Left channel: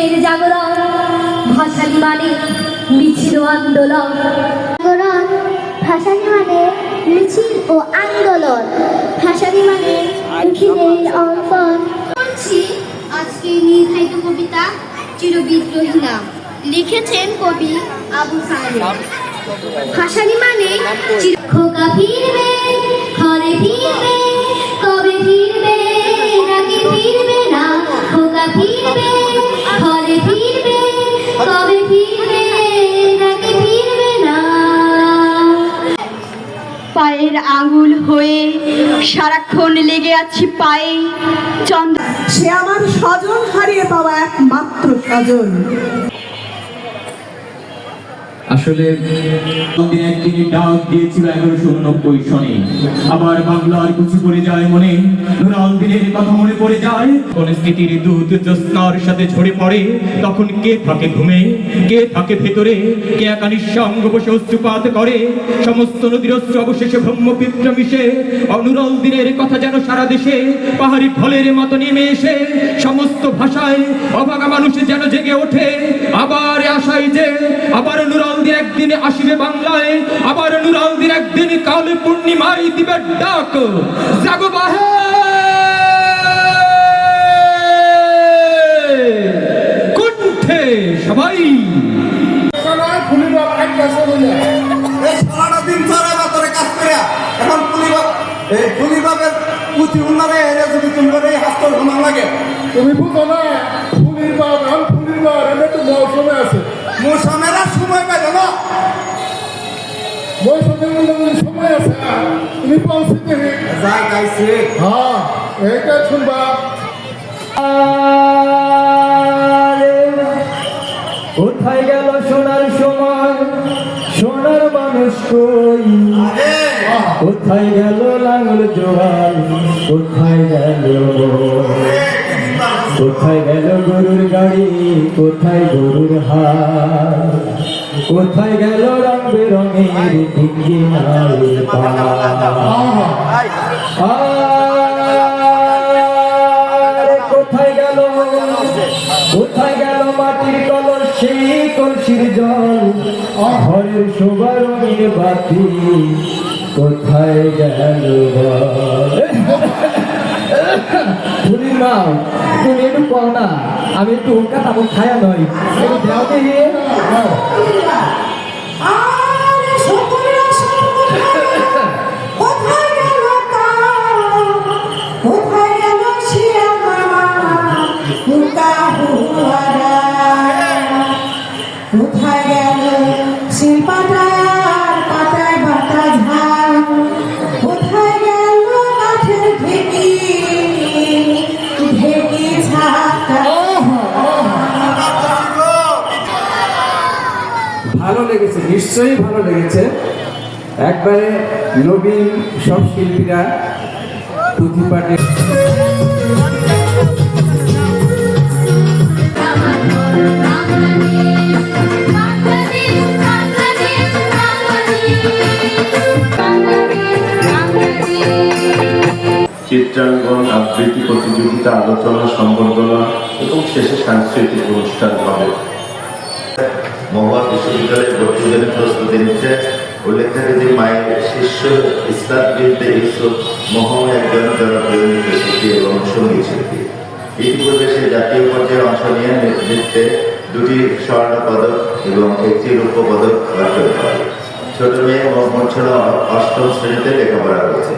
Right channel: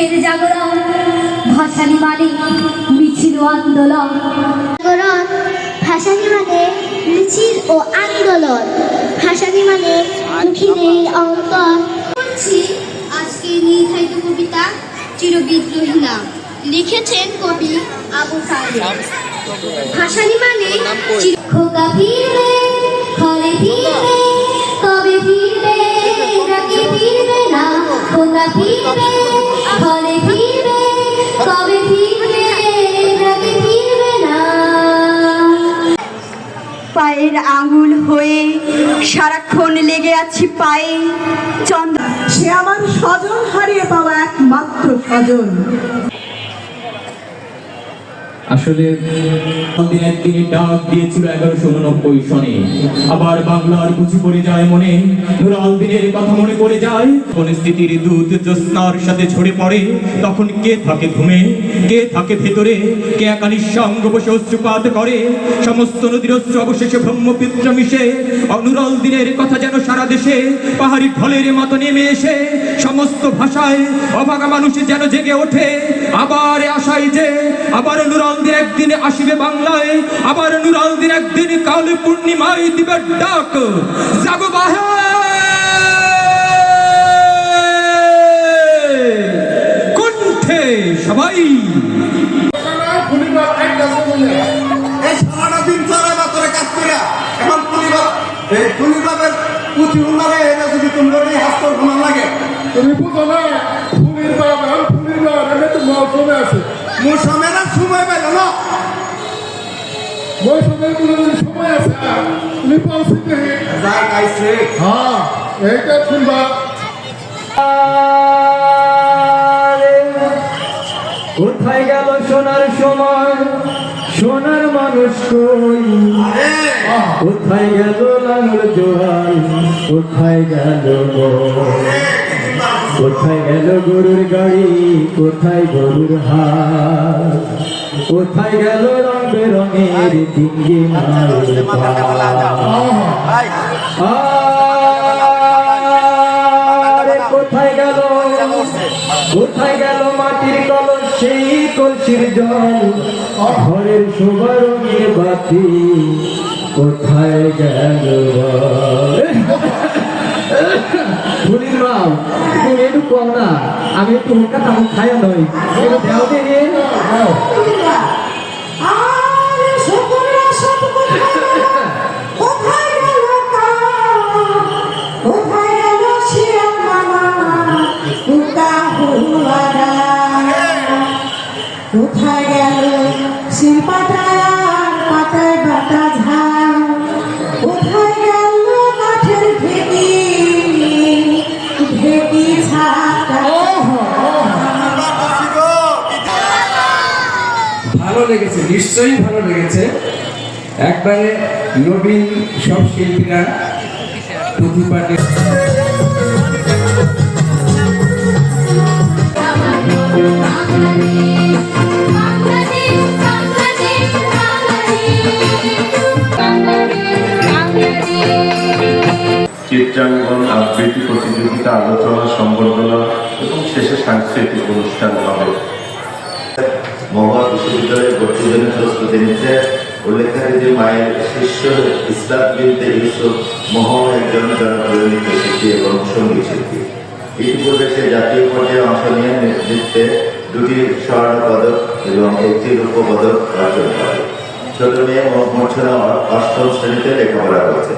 কিসের জাগরণ? ভাসানী মানে মিছিল ও আন্দোলন। জাগরণ ভাসানী মানে মিছিল ও আন্দোলন। ভাসানী মানে দুঃখীদের অঙ্কন। আজকে নির্ধারিত কবিতা চিরবিদ্রোহী নাম, লিখেছেন কবি আবু সাইদ। ভাসানী মানে খোকা ফিরবে, ঘরে ফিরবে, কবে ফিরবে নাকি ফিরবে না? খোকা ফিরবে, ঘরে ফিরবে, কবে ফিরবে নাকি ফিরবে না? পায়ের আঙুল হয়ে সারাক্ষণ লেগে আছি পায়ে চন্দ্র। সে আমার স্বজন হারিয়ে পাওয়া একমাত্র স্বজন। আসলে একদিনে ডাক দিয়েছিল 1189 সনে। আবার বাংলার কুচি পড়ে যায় মনে, নুরাল দিনের কথা মনে পড়ে যায়। কোন স্থিতির দুধ জ্যোৎস্নার সাথে ঝরে পড়ে, তখন কে থাকে ঘুমে, কে থাকে ভেতরে, কে একা নিঃসঙ্গ বসে অশ্রুপাত করে। সমস্ত নদীর অশ্রু অবশেষে ব্রহ্মপুত্র মিশে, নুরাল দিনের কথা যেন সারা দেশে পাহাড়ি ঢলের মতো নেমে এসে সমস্ত ভাষায় অভাগা মানুষ যেন জেগে ওঠে। আবার আশায় যে আবার নুরাল দিন একদিন আসিবে বাংলায়, আবার নুরাল দিন একদিন কালে পূর্ণিমায় দিবে ডাক। জাগো বাহে কণ্ঠে সবাই। তুমি বুঝো না ফুলির বাপ আর ফুলির বাপ এটা তো মৌসুমে আছে। মৌসুমেরা সময় পেল না, মৌসুমের সময় আছে। তুমি পৌঁছতে হ্যাঁ এইটা শুনবা। কোথায় গেল সোনার সময়, সোনার মানুষ কই? কোথায় গেল লাঙল জোয়াল, কোথায় গেল, কোথায় গেল গরুর গাড়ি, কোথায় গরুর হাট, কোথায় গেল রং বেরঙের ডিঙ্গি নাল কোথায় গেল, কোথায় গেল মাটির কলস সেই কলসির জল, ঘরের শোভা রঙের বাতি, কোথায় গেল? ফুলির মা তুমি একটু কম না, আমি একটু হোকা তামুক খায়া নই দেওয়াতে গিয়ে কোথায় গেল শিল্পাটার পাতায় বাতা ঝাল, কোথায় গেল কাঠের ঢেকি ঢেকি ঝাঁকা। ভালো লেগেছে, নিশ্চয়ই ভালো লেগেছে। একবারে নবীন সব শিল্পীরা প্রতিপাটে চিত্রাঙ্কন, আবৃত্তি প্রতিযোগিতা, আলোচনা, সম্বর্ধনা এবং শেষে সাংস্কৃতিক অনুষ্ঠান হবে। মহা বিশ্ববিদ্যালয়ের ভর্তির জন্য প্রস্তুতি নিচ্ছে উল্লেখ্য মায়ের শিষ্য ইসলাম বিনতে ইউসুফ মহম একজন জনপ্রিয় নৃত্যশিল্পী এবং সঙ্গীত শিল্পী। ইতিপূর্বে সে জাতীয় পর্যায়ে অংশ নিয়ে নৃত্যে 2টি স্বর্ণ পদক এবং 1টি রৌপ্য পদক অর্জন করে। ছোট মেয়ে মোহাম্মদ 8ম শ্রেণীতে লেখাপড়া করেছে।